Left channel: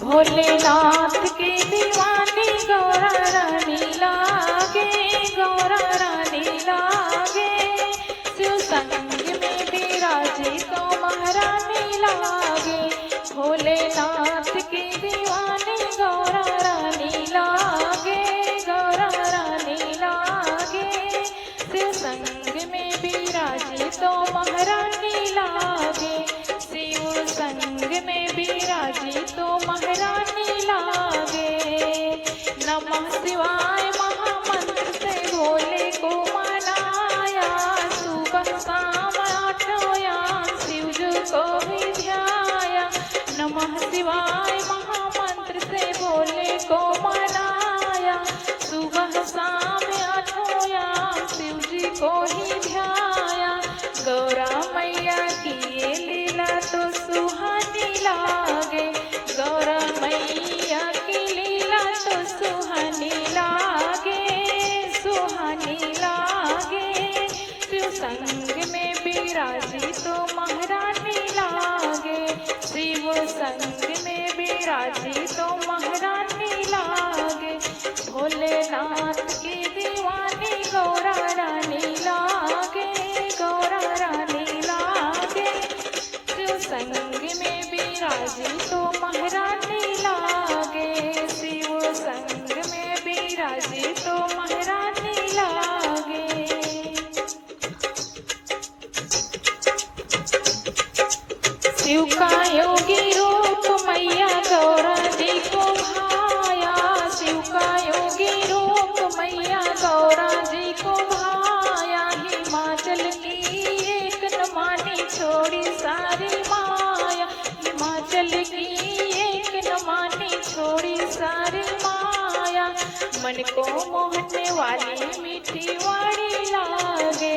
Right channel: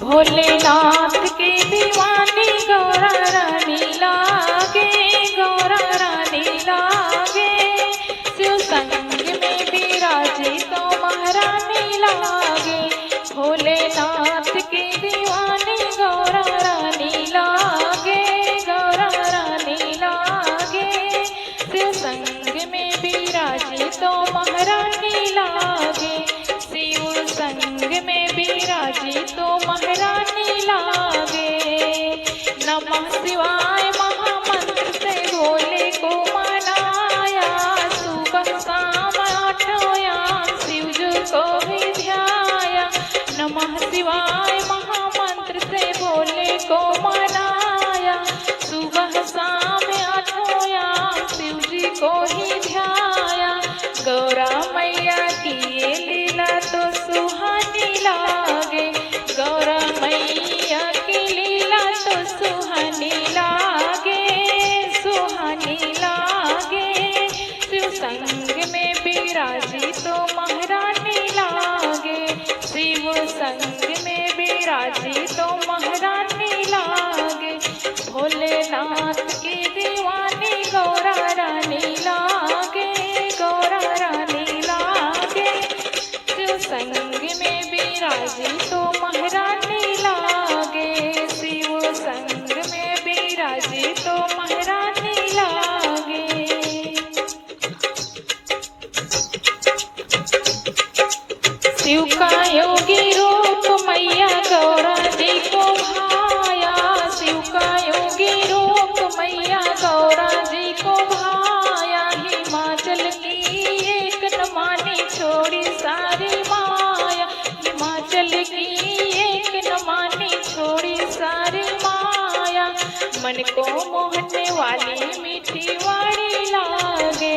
भोलेनाथ की दीवानी गौरा रानी लागे, गौरा रानी लागे। शिव संग में विराजे तो महारानी लागे। भोलेनाथ की दीवानी गौरा रानी लागे, गौरा रानी लागे। शिव संग में विराजे तो महारानी लागे। शिव संग में विराजे तो महारानी लागे। नमः शिवाय महामंत्र से भोले को मनाया। सुबह शाम आठों याम शिव जी को भी ध्याया। नमः शिवाय महामंत्र से भोले को मनाया। सुबह शाम आठों याम शिव जी को ही ध्याया। गौरा मैया की ये लीला तो सुहानी लागे। गौरा मैया की लीला तो सुहानी लागे, सुहानी लागे। शिव संग में विराजी तो महारानी लागे। शिव संग में विराजी तो महारानी लागे। भोलेनाथ की दीवानी गौरा रानी लागे, गौरा रानी लागे। शिव संग में विराजी तो महारानी लागे। शिव संग में विराजी तो महारानी लागे। शिव का योगी रूप मैया गौरा जी को भाया। शिव का योगी रूप मैया गौरा जी को भाया। हिमाचल की एक न मानी छोड़ी सारी माया। हिमाचल की एक न मानी छोड़ी सारी माया। मन को मोहने वाली मीठी वाणी लागे।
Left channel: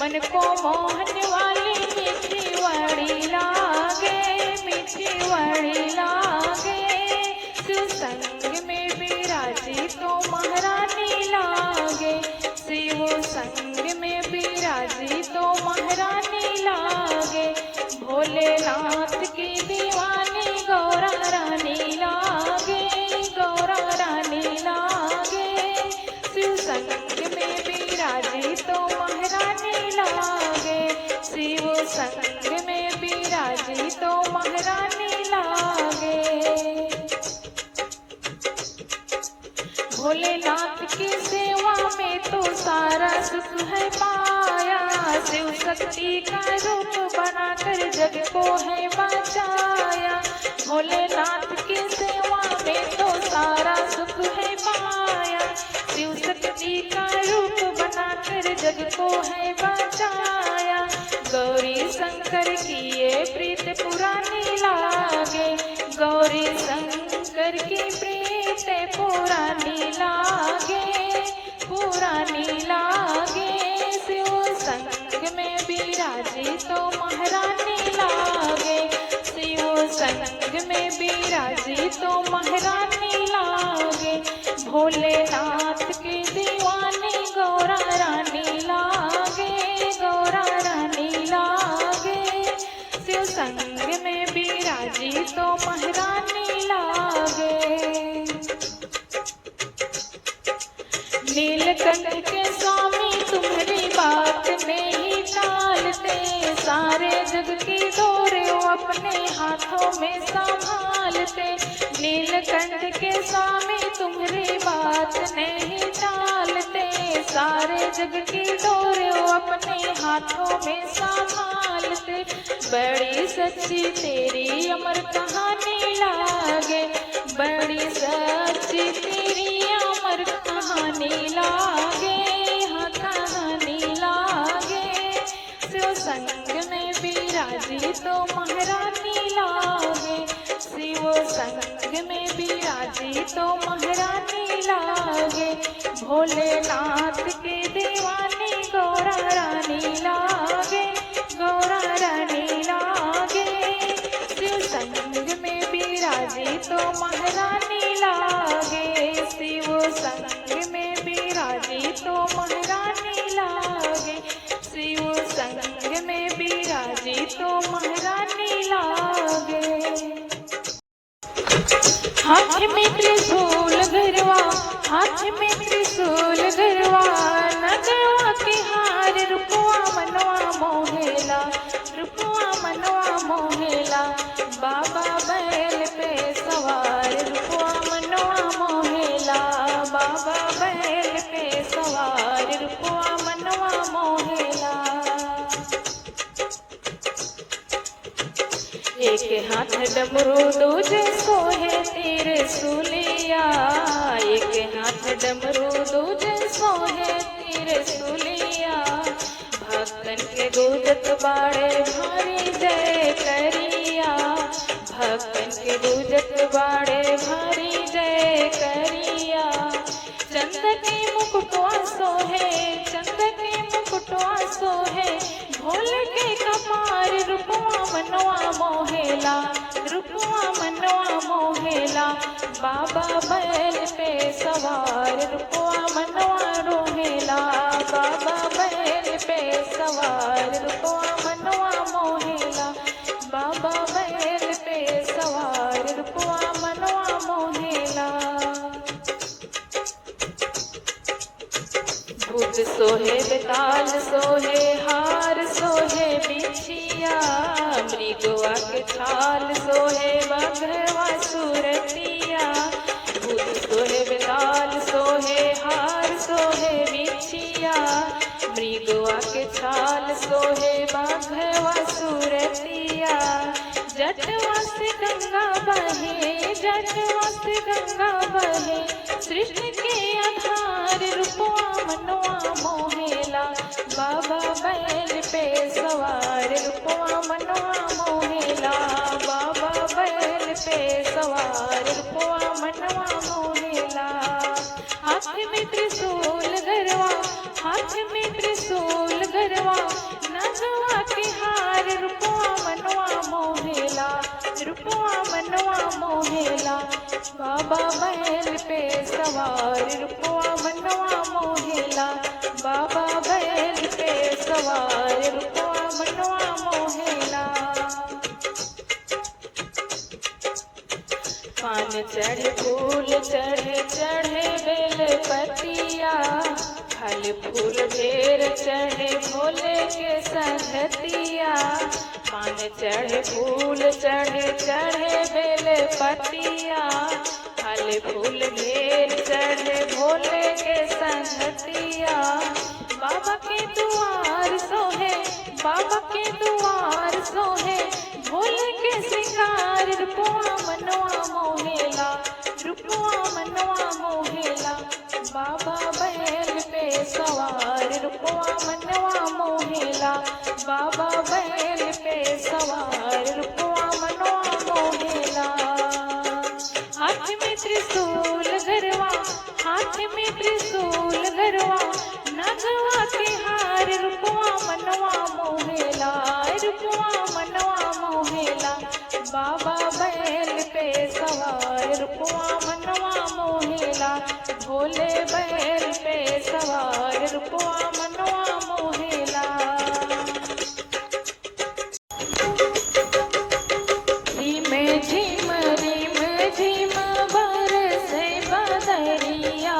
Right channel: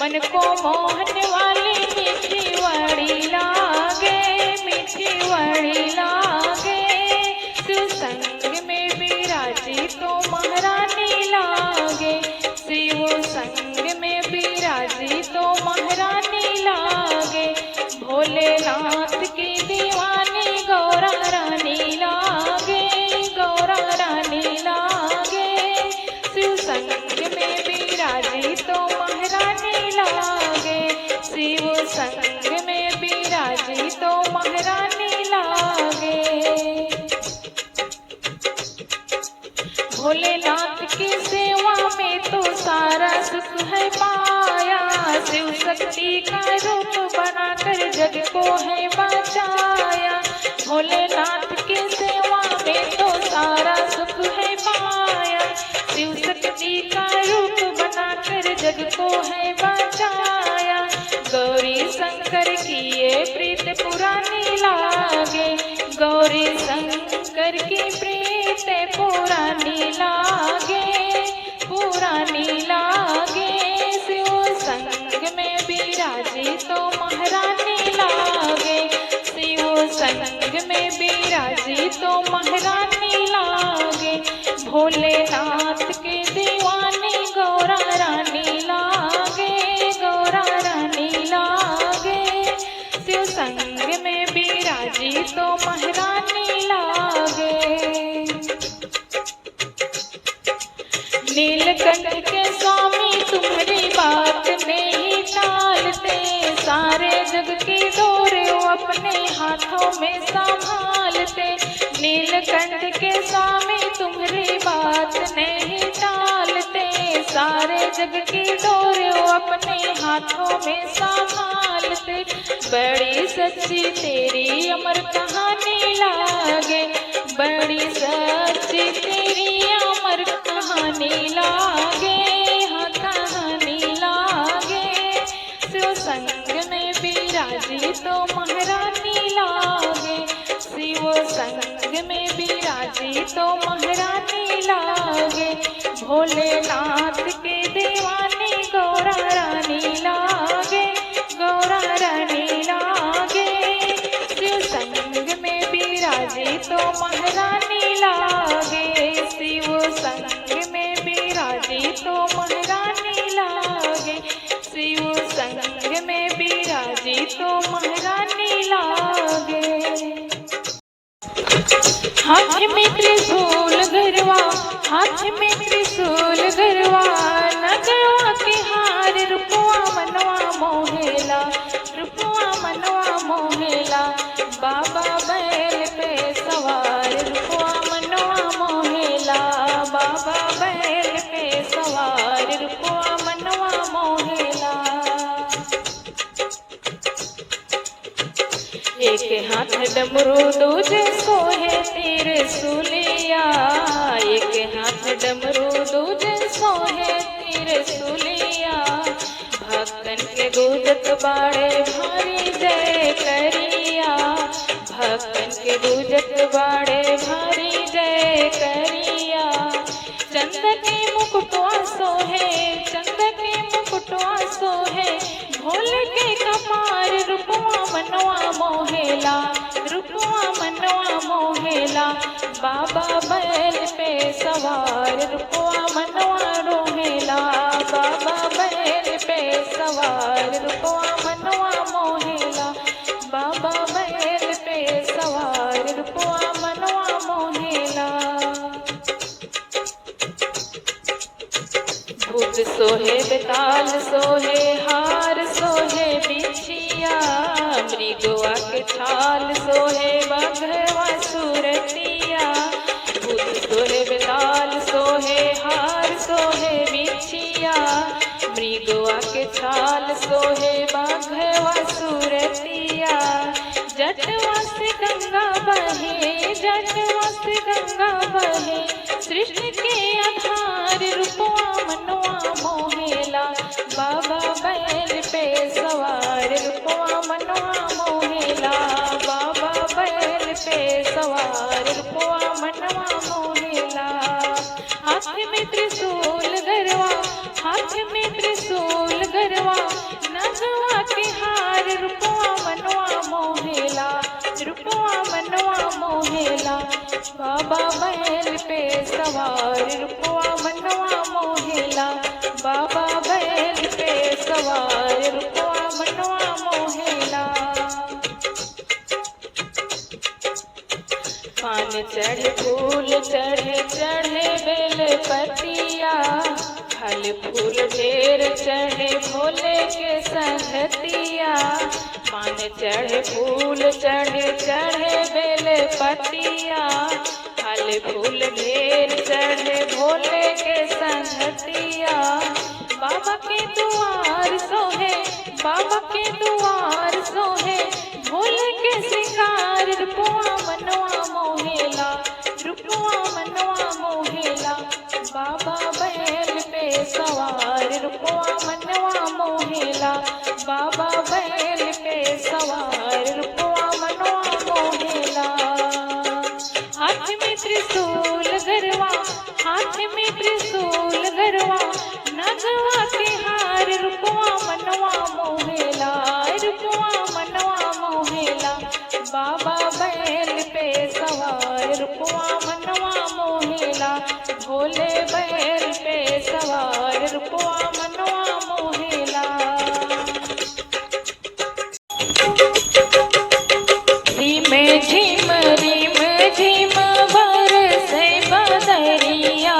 मन को मोहने वाली मीठी वाणी लागे, मीठी वाणी लागे। शिव संग में विराजी तो महारानी लागे। शिव संग में विराजी तो महारानी लागे। भोलेनाथ की दीवानी गौरा रानी लागे, गौरा रानी लागे। शिव संग में विराजी तो महारानी लागे। शिव संग में विराजी तो महारानी लागे। भोलेनाथ की सेवा में तो सारा सुख है पाया। शिव शक्ति का रूप बनाकर जग को है बचाया। भोलेनाथ की सेवा में तो सारा सुख है पाया। शिव शक्ति का रूप बनाकर जग को है बचाया। गौरी शंकर की ये प्रीत पुरानी लागे। गौरी शंकर की प्रीत पुरानी लागे, पुरानी लागे। शिव संग में विराजी तो महारानी लागे। शिव संग में विराजी तो महारानी लागे। भोलेनाथ की दीवानी गौरा रानी लागे, गौरा रानी लागे। शिव संग में विराजी तो महारानी लागे। नीलकंठ के स्वामी तुम्हारी बात नहीं टालते। सारे जग की डोर अपने हाथों में संभालते। नीलकंठ के स्वामी तुम्हारी बात नहीं टालते। सारे जग की डोर अपने हाथों में संभालते। बड़ी सच्ची तेरी अमर कहानी लागे। बड़ी सच्ची तेरी अमर कहानी लागे, हाँ कहानी लागे। शिव संग में विराजी तो महारानी लागे। शिव संग में विराजी तो महारानी लागे। भोलेनाथ की दीवानी गौरा रानी लागे, गौरा रानी लागे। शिव संग में विराजी तो महारानी लागे। शिव संग में विराजी तो महारानी लागे। शिव संग में विराजी तो महारानी लागे। हाथ में त्रिशूल गरवा, हाथ में त्रिशूल गरवा, नगवा के हार रुपवा मनवा मोहेला, रुपवा मनवा मोहेला। बाबा बैल पे सवार रुपवा मनवा मोहेला, बाबा बैल पे सवार रुपवा मनवा मोहेला। एक हाथ डमरू दूजे सोहे त्रिशूलिया, एक हाथ डमरू दूजे सोहे त्रिशूलिया। भक्तन के गूंजत बाड़े भारी जय करिया, भक्तन के गूंजत बाड़े भारी जय करिया। चंद के मुकुटवा सोहे, चंद के मुकुटवा सोहे, भोले के कपार रुपवा मनवा मोहेला, रुपवा मनवा मोहेला। बाबा बैल पे सवार रुपवा मनवा रोहेला, बाबा बैल पे सवार रुपवा मनवा मोहेला, बाबा बैल पे सवार रुपवा मनवा मोहेला। भूत सोहे बेताल सोहे हार सोहे बिछिया, मृगवा के छाल सोहे बघवा सुरतिया। भूत सोहे बेताल सोहे हार सोहे बिछिया, मृगवा के छाल सोहे बघवा सुरतिया। जटवा से गंगा बहे, जटवा से गंगा बहे, सृष्टि के आधार रुपवा मनवा मोहेला। बाबा बैल पे सवार रुपवा मनवा मोहेला, बाबा बैल पे सवार रुपवा मनवा मोहेला। हाथ में त्रिशूल गरवा, हाथ में त्रिशूल गरवा, नगवा के हार रुपवा मनवा मोहेला, रुपवा मनवा मोहेला। बाबा बैल पे सवार रुपवा मनवा मोहेला, बाबा बैल पे सवार रुपवा मनवा मोहेला। पान चढ़े फूल चढ़े चढ़े बेल पतिया, फल फूल ढेर चढ़े भोले के संगतिया। पान चढ़े फूल चढ़े चढ़े बेल पतिया, फल फूल ढेर चढ़े भोले के संगतिया। बाबा के दुआर सोहे, बाबा के दुआर सोहे, भोले के श्रृंगार रुपवा मनवा मोहेला, रुपवा मनवा मोहेला। बाबा बैल पे सवार रुपवा मनवा मोहेला, बाबा बैल पे सवार रुपवा मनवा मोहेला। हाथ में त्रिशूल गरवा, हाथ में त्रिशूल गरवा, नगवा के हार रुपवा मनवा मोहेला, रुपवा मनवा मोहेला। बाबा बैल पे सवार रुपवा मनवा मोहेला, भोले बैल पे सवार रुपवा मनवा मोहेला। झिम झिम रिम झिम बरसे बदरिया,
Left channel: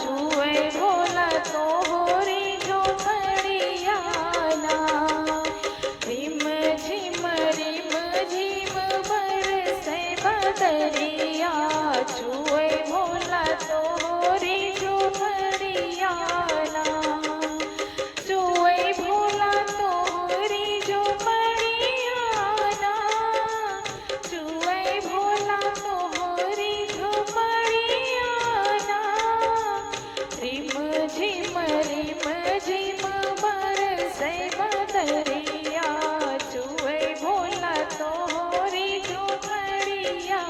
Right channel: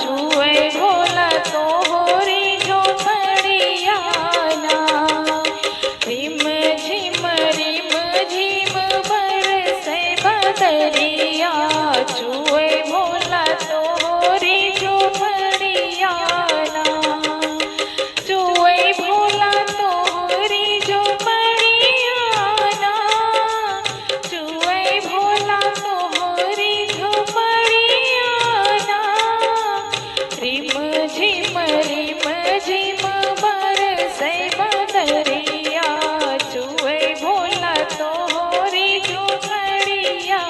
छुए भोला तोहरी झोपड़िया ना। झिम झिम रिम झिम बरसे बदरिया, छुए भोला तोहरी झोपड़िया ना। छुए भोला तोहरी झोपड़िया ना, छुए भोला तोहरी झोपड़िया ना। रिम झिम बरसे बदरिया, छुए भोला तोहरी झोपड़िया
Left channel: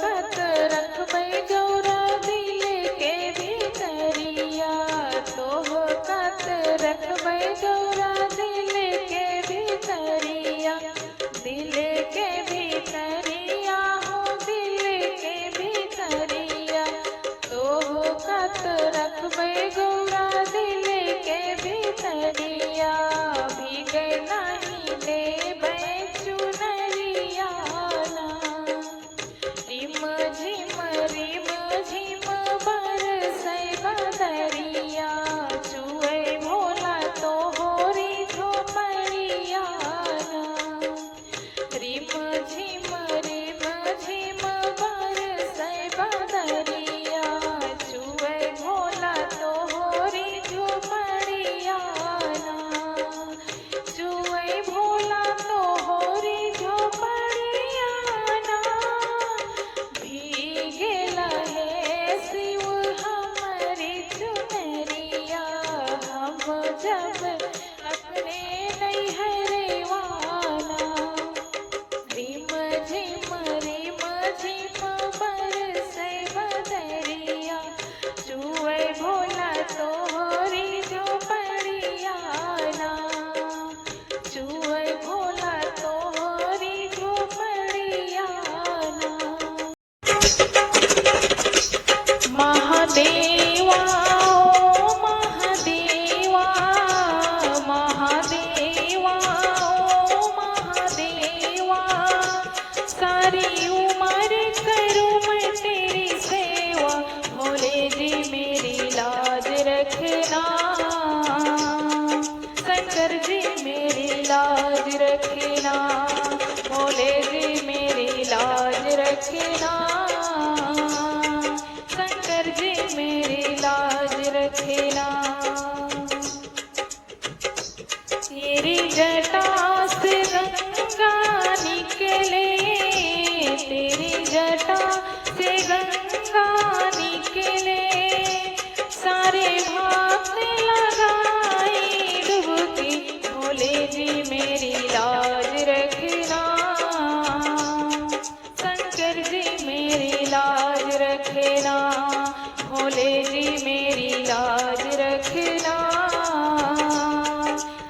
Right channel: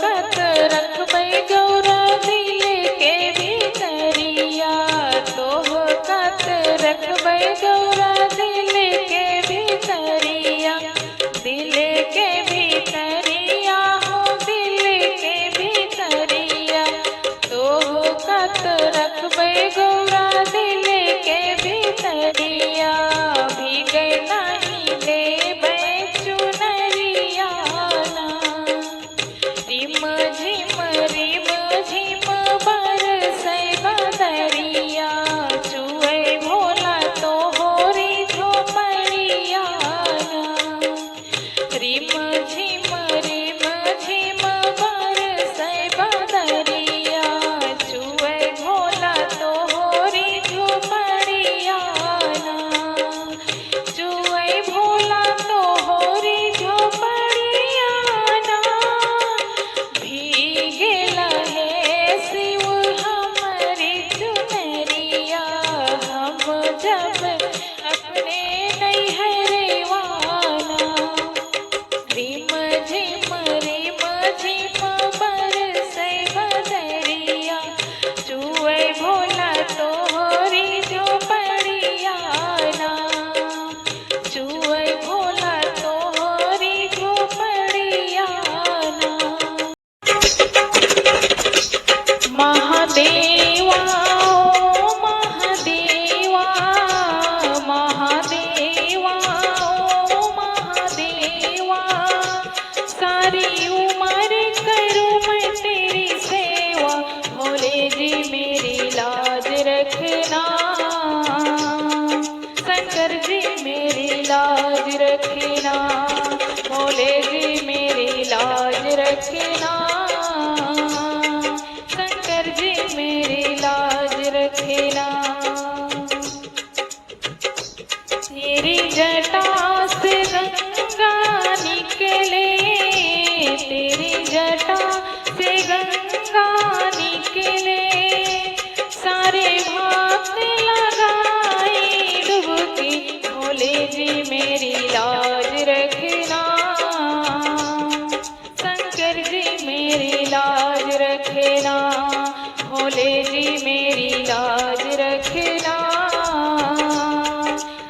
कत रखबै गौरा दिल के भीतरिया, तोह कत रखबै गौरा दिल के भीतरिया, दिल के भीतरिया हो दिल के भीतरिया, तोह कत रखबै गौरा दिल के भीतरिया, भीगे नहीं देबै चुनरिया ना, रिम झिम बरसै बदरिया, चुए भोला तोहरी झोपड़िया ना, रिम झिम बरसै बदरिया, चुए भोला तोहरी झोपड़िया ना, चुए भोला तोहरी झोपड़िया ना, भीगेल है शिव हमरी चुनरिया, हम जब अपने नैहरवा ना, रिम झिम बरसै बदरिया, चुए भोला तोहरी झोपड़िया ना, चुए भोला तोहरी झोपड़िया ना। महादेवा ओ महादेवा, महादेवा ओ महादेवा, सारी उम्र करूं मैं तेरी सेवा, भोले जी मेरी लाज रखना, शंकर जी मेरी लाज रखना, भोले जी मेरी लाज रखना, शंकर जी मेरी लाज रखना, तेरी जटा से गंगा निकले, तेरी जटा से गंगा निकले, सारे भक्त लगाए डुबकी, भोले जी मेरी लाज रखना, शंकर जी मेरी लाज रखना, भोले जी मेरी लाज रखना,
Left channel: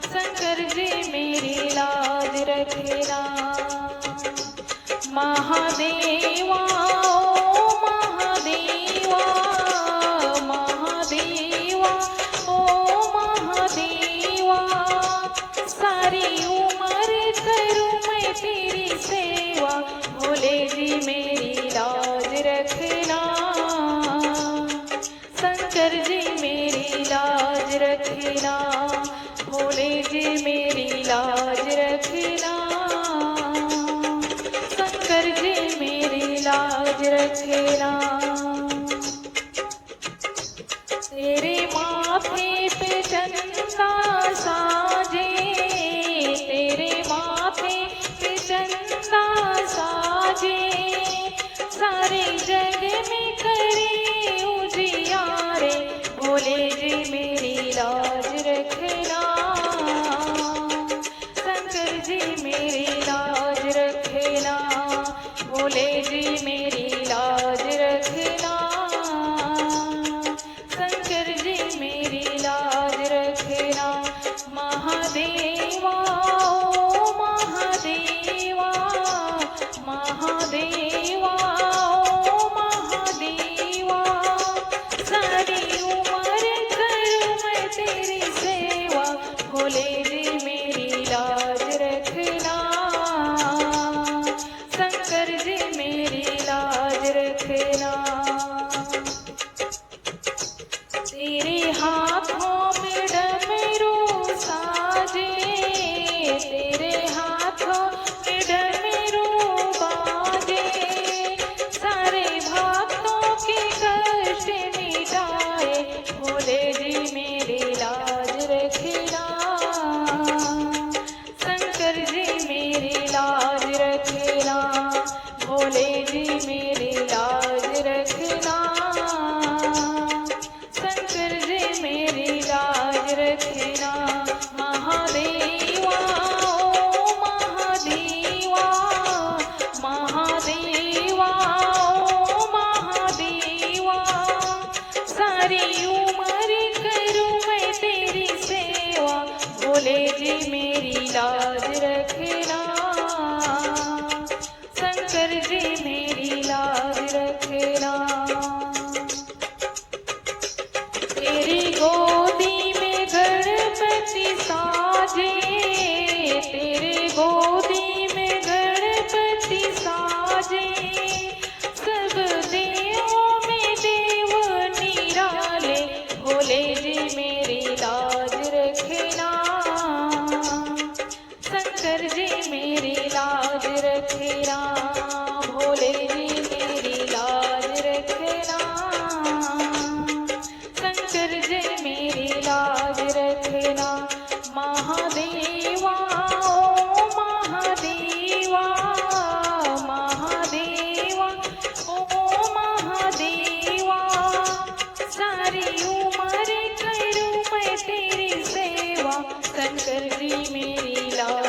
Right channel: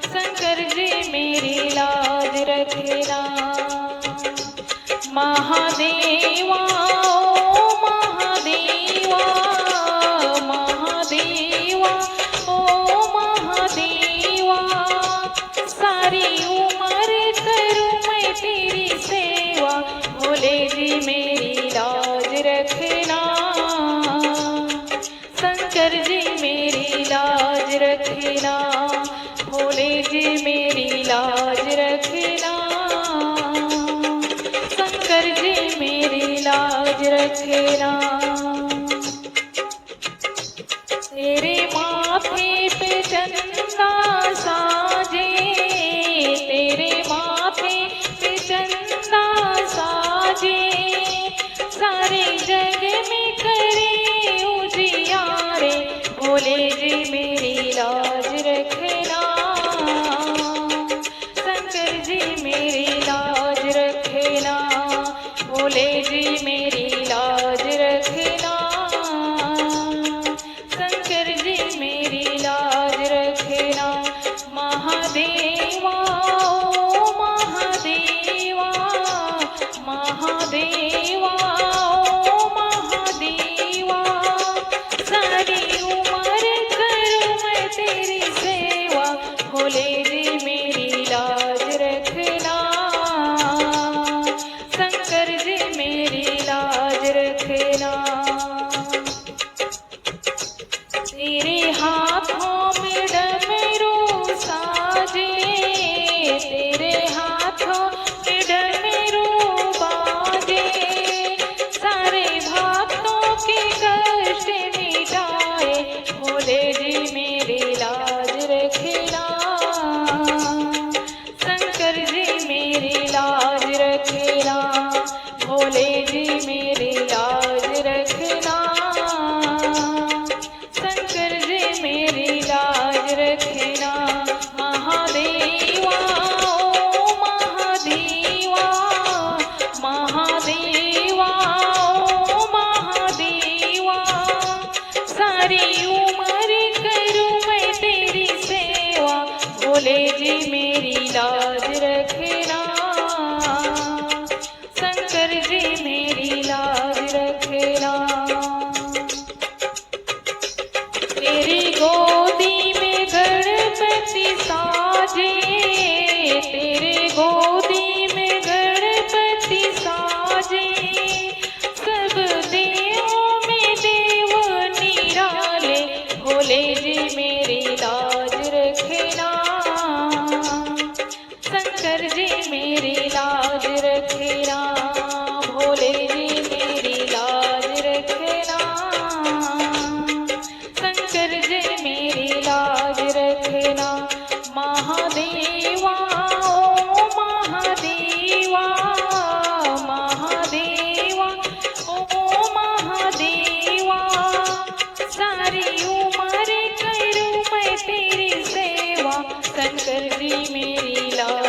शंकर जी मेरी लाज रखना। महादेवा ओ महादेवा, महादेवा ओ महादेवा, सारी उम्र करूं मैं तेरी सेवा, भोले जी मेरी लाज रखना, शंकर जी मेरी लाज रखना, भोले जी मेरी लाज रखना, शंकर जी मेरी लाज रखना। तेरे माथे पे चंदा साजे, तेरे माथे पे चंदा साजे, सारे जग में करे उजियारे, भोले जी मेरी लाज रखना, शंकर जी मेरी लाज रखना, भोले जी मेरी लाज रखना, शंकर जी मेरी लाज रखना। महादेवा ओ महादेवा, महादेवा ओ महादेवा, रखना। तेरी गोदी में गणपति साजे, तेरे गोदी में गणपति साजे, सब देवों में देव निराले, भोले जी मेरी लाज रखना, शंकर जी मेरी लाज रखना, भोले जी मेरी लाज रखना, शंकर जी मेरी लाज रखना। महादेवा ओ महादेवा, महादेवा ओ महादेवा, सारी उम्र करूं मैं तेरी सेवा, शंकर जी मेरी लाज